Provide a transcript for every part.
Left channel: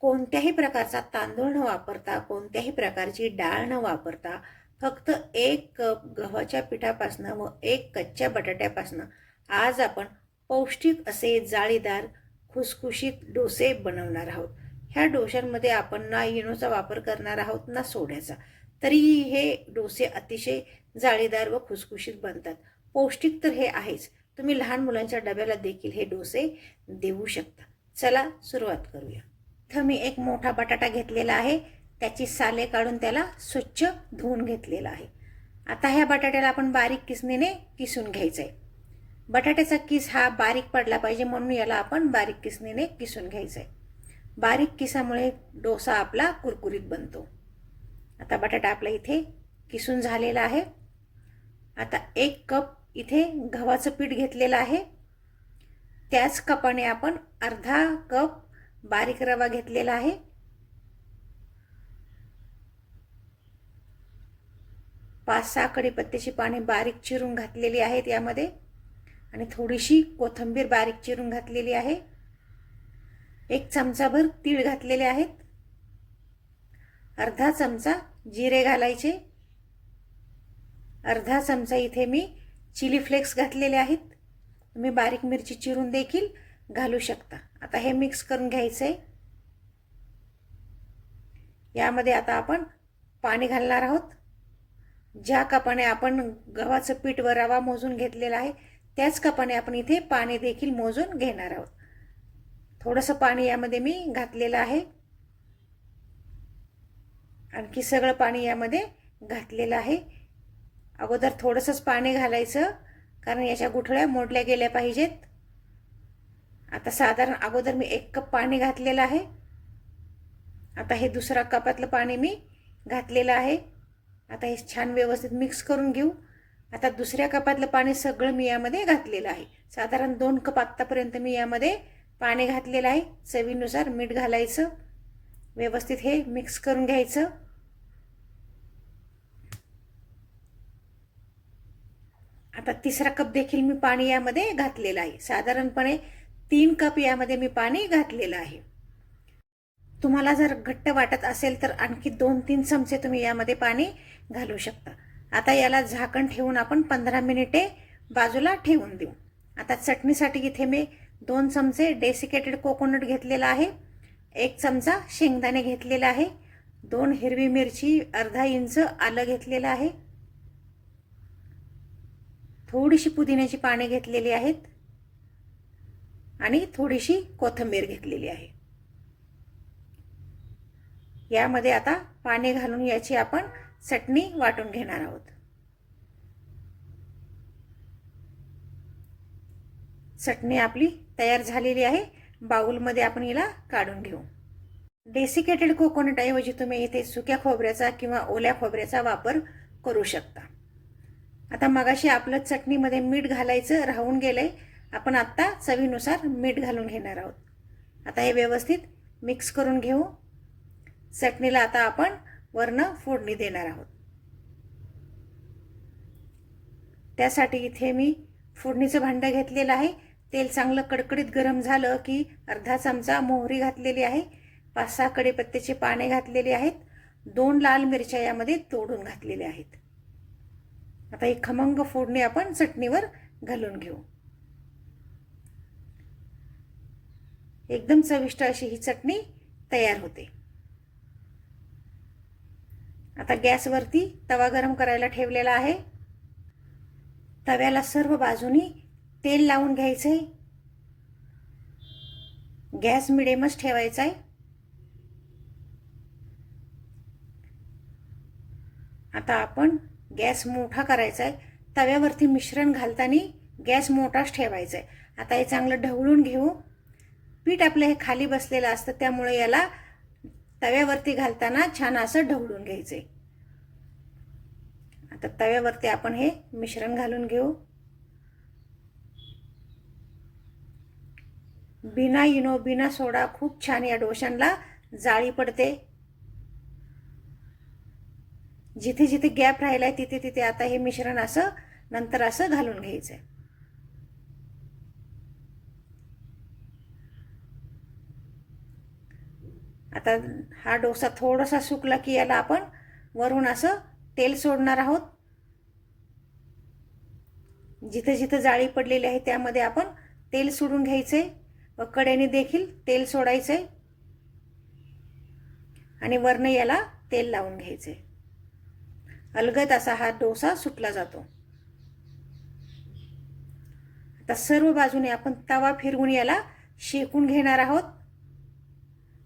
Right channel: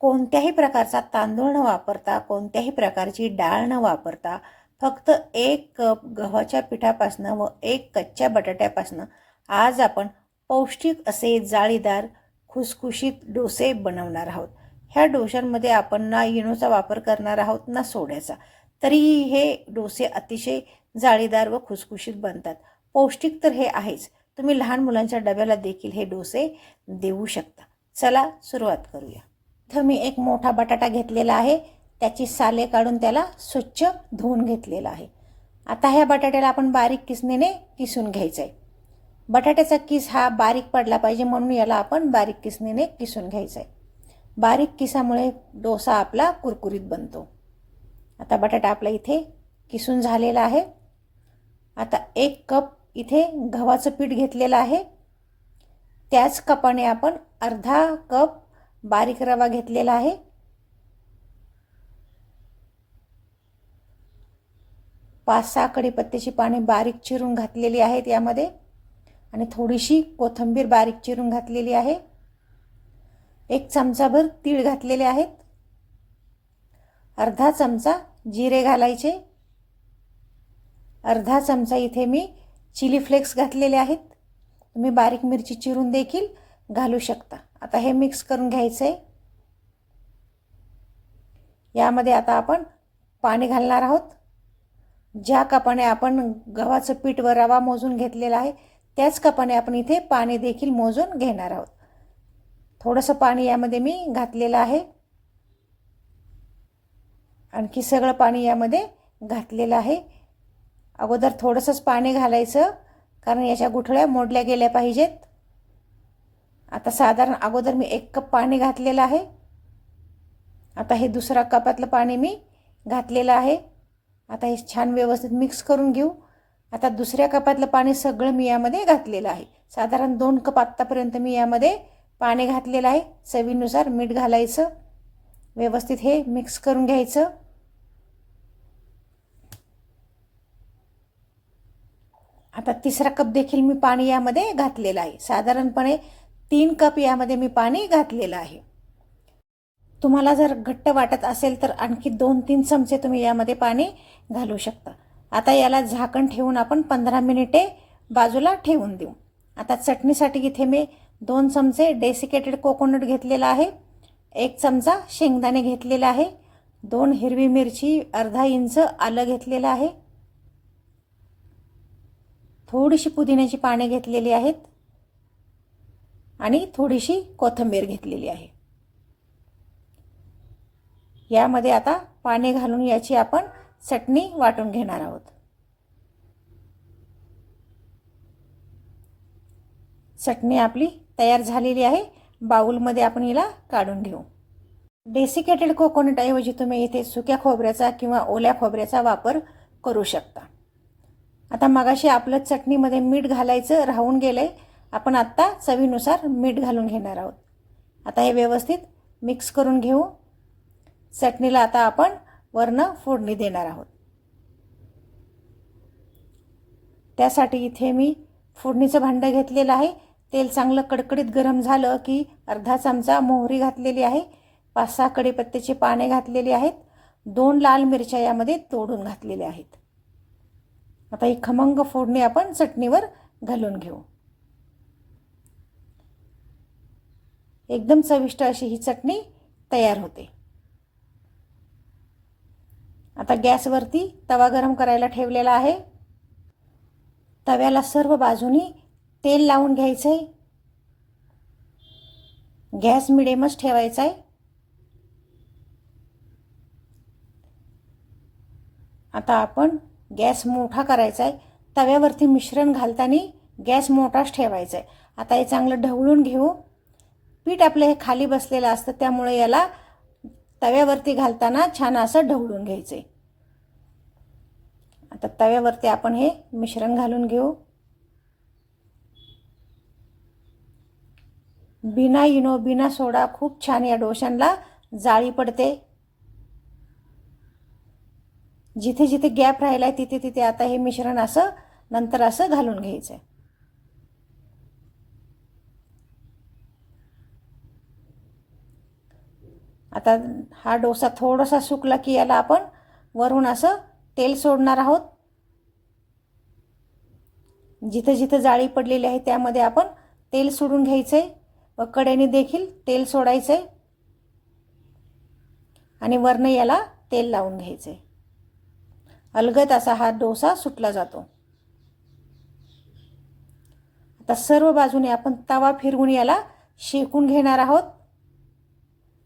कोणत्याही प्रकारचा तांदूळ न वापरता कोणत्याही प्रकारची डाळ न वापरता फक्त एक कप गव्हाच्या पिठापासनं व एक कच्च्या बटाट्यापासनं आज आपण पौष्टिक असे जाळीदार खुसखुशीत डोसे बनवणार आहोत. ह्या डोशांमध्ये आपण ना इनोचा वापर करणार आहोत ना सोड्याचा. तरीही हे डोसे अतिशय जाळीदार व खुसखुशीत बनतात. पौष्टिक तर हे आहेच. तुम्ही लहान मुलांच्या डब्याला देखील हे डोसे देऊ शकता. चला सुरुवात करूया. इथं मी एक मोठा बटाटा घेतलेला आहे. त्याची साले काढून त्याला स्वच्छ धुवून घेतलेला आहे. आता ह्या बटाट्याला आपण बारीक किसणीने किसून घ्यायचं आहे बटाट्याचा किस हा बारीक पडला पाहिजे म्हणून याला आपण बारीक किसणीने किसून घ्यायचं आहे बारीक किसामुळे डोसा आपला कुरकुरीत बनतो. आता बटाटा आपला इथे किसून झालेला आहे. आता एक कप इथे गव्हाचं पीठ घेतलेलं आहे. त्याच कपाने आपण अर्धा कप बारीक रवा घेतलेला आहे. पाच सहा कढीपत्त्याची पाने बारीक चिरून घातलेली आहेत यामध्ये. आणि थोडीशी कोथिंबीर बारीक चिरून घातलेली आहे. एक चमचाभर तीळ घातलेले आहेत. अर्धा चमचा जिरे घालायचे. अर्धा चमचा इथे मी चिली फ्लेक्स घातलेले आहेत. तुम्ही बारीक मिरची चिरून देखील घालू शकता. आता हे मिक्स करून घ्यायचं आहे यामध्ये आता आपण पाणी घालणार आहोत. ज्या कपाने आपण गव्हाचं पीठ व रवा मोजून घेतलेला आहे त्याच कपाने आपण इथे पाणी देखील मोजून घेणार आहोत. थोडंसं पाणी यामध्ये मी घातलेलं आहे. आणखी सगळं पाणी यामध्ये घातलेलं आहे. अगोदर थोडंसंच पाणी घालायचं कारण याच्या गुठळ्या मोडल्या गेल्या पाहिजेत. आता साधारण अगोदर मी एक कप पाणी घातलेलं आहे. आता हे दुसरा कपातलं पाणी मी घातलेलं आहे. आता हे छान व्यवस्थित मिक्स करून घेऊ. आता दुसऱ्या कपातलं पाणी सगळं मी यामध्ये घातलेलं आहे. साधारण दोन कप आत्तापर्यंत मी यामध्ये पाणी घातलेलं आहे. चवीनुसार मीठ घालायचं. व्यवस्थित हे मिक्स करून घ्यायचं. आता तिसरा कप देखील मी पाणी यामध्ये घातलेलं आहे. साधारणपणे तीन कप यामध्ये मी पाणी घातलेलं आहे. तुम्हाला जर घट्ट वाटत असेल तर आणखी दोन तीन चमचे तुम्ही यामध्ये पाणी घालू शकता. आता याला झाकण ठेवून आपण पंधरा मिनिटे बाजूला ठेवून देऊ. आता चटणीसाठी इथे मी दोन चमचे डेसिकेटेड कोकोनट घेतलेला आहे. एक चमचा शेंगदाणे घेतलेला आहे. दोन हिरवी मिरची अर्धा इंच आलं घेतलेलं आहे. थोडीशी पुदिन्याची पाने घेतलेली आहेत. आणि थोडीशी कोथिंबीर घेतलेली आहे. यामध्ये आता पाणी घालून याची आपण चटणी वाटून घेणार आहोत. चटणी आपली तयार झालेली आहे. बाऊलमध्ये आपण हिला काढून घेऊ. डेसिकेटेड कोकोनट ऐवजी तुम्ही इथे सुक्या खोबऱ्याचा किंवा ओल्या खोबऱ्याचा वापर करू शकता. आता मगाशी आपलं चटणीमध्ये मीठ घालायचं राहून गेलंय. आपण आत्ता चवीनुसार मीठ घालून घेणार आहोत. आता हे व्यवस्थित मिक्स करून घेऊ. चटणीला आता आपण वरनं फोडणी देणार आहोत. त्यासाठी इथे मी फोडणीचं भांडं घेतलेलं आहे. तेल चांगलं कडकडीत गरम झालं की अर्धा चमचा मोहरी घातलेली आहे. पाच सहा कढीपत्त्याची पाने घातलेली आहेत. दोन लाल मिरच्या यामध्ये तोडून घातलेल्या आहेत. आता ही खमंग फोडणी आपण चटणीवर घालून घेऊ. एकदम चविष्ट अशी ही चटणी तयार होते. आता गॅसवरती तवा गरम करायला ठेवलेला आहे. तव्याला सर्व बाजूनी तेल लावून घ्यायचं आहे गॅस मिडियमच ठेवायचा आहे आता आपण गॅस मोठा करायचा आहे तव्यावरती मिश्रण घालताना गॅस मोठाच ठेवायचा आहे आता हे चांगलं ढवळून घेऊ. पीठ आपलं हे खाली बसलेलं असतं त्यामुळे याला तव्यावरती घालताना छान असं ढवळून घ्यायचं आहे आता तव्यावरती आपण हे मिश्रण घालून घेऊ. बिना इनो बिना सोडा खूप छान या डोशांना जाळी पडते. जिथे जिथे गॅप राहिला आहे तिथे तिथे आता हे मिश्रण असं नंतर असं घालून घ्यायचं आहे आता हा डोसा थोडासा सुकला की याला आपण वरून असं तेल सोडणार आहोत. जिथं जिथं जाळी पडलेली आहे त्यामध्ये आपण तेल सोडून घ्यायचं आहे व कड्याने देखील तेल सोडायचं आहे आणि वरनं याला तेल लावून घ्यायचं आहे अलगद असा हा डोसा सुटला जातो. आता सर्व बाजूने आपण तवा फिरवून याला शेकून घेणार आहोत.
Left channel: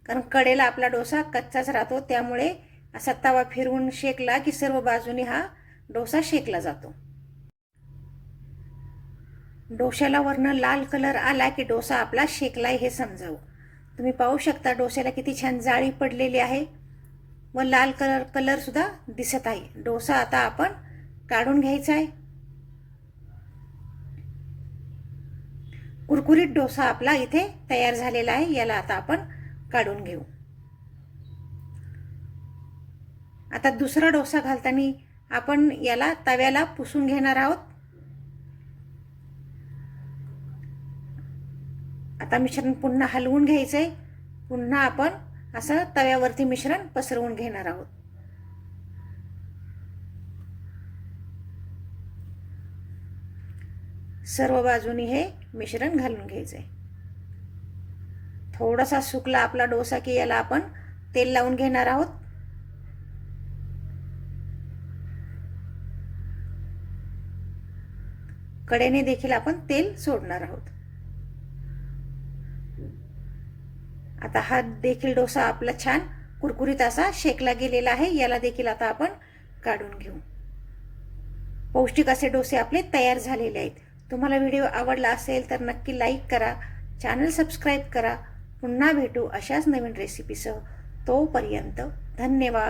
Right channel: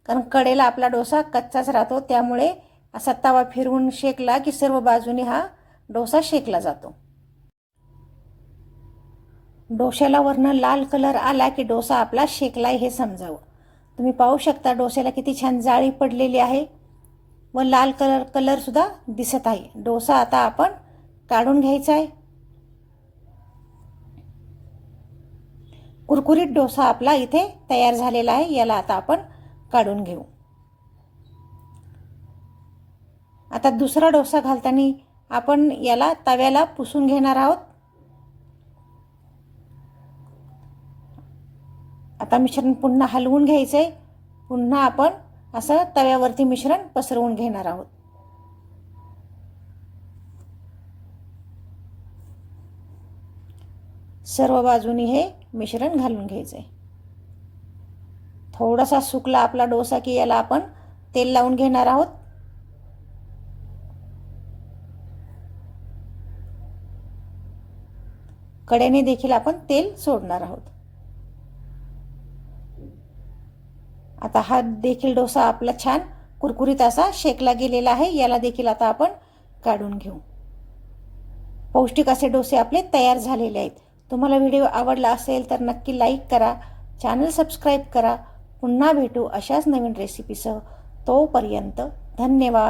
कारण कडेला आपला डोसा कच्चाच राहतो त्यामुळे असा तवा फिरवून शेकला की सर्व बाजूने हा डोसा शेकला जातो. डोश्याला वरनं लाल कलर आला की डोसा आपला शेकलाय हे समजावं. तुम्ही पाहू शकता डोस्याला किती छान जाळी पडलेली आहे व लाल कलर कलरसुद्धा दिसत आहे. डोसा आता आपण काढून घ्यायचा आहे. कुरकुरीत डोसा आपला इथे तयार झालेला आहे. याला आता आपण काढून घेऊ. आता दुसरा डोसा घालताना आपण याला तव्याला पुसून घेणार आहोत. आता मिश्रण पुन्हा हलवून घ्यायचं आहे पुन्हा आपण असं तव्यावरती मिश्रण पसरवून घेणार आहोत. सर्व बाजूनी हे मिश्रण घालून घ्यायचं आहे थोडासा सुकला आपला डोसा की याला आपण तेल लावून घेणार आहोत. कडेने देखील आपण तेल सोडणार आहोत. आता हा देखील डोसा आपला छान कुरकुरीत असा शेकला गेलेला आहे. याला देखील आता आपण काढून घेऊ. पौष्टिक असे डोसे आपले तयार झालेले आहेत. तुम्हाला व्हिडिओ आवडला असेल तर नक्की लाईक करा चॅनल सबस्क्राईब करा. पुन्हा भेटू अशाच नवीन रेसिपीसह तोपर्यंत धन्यवाद.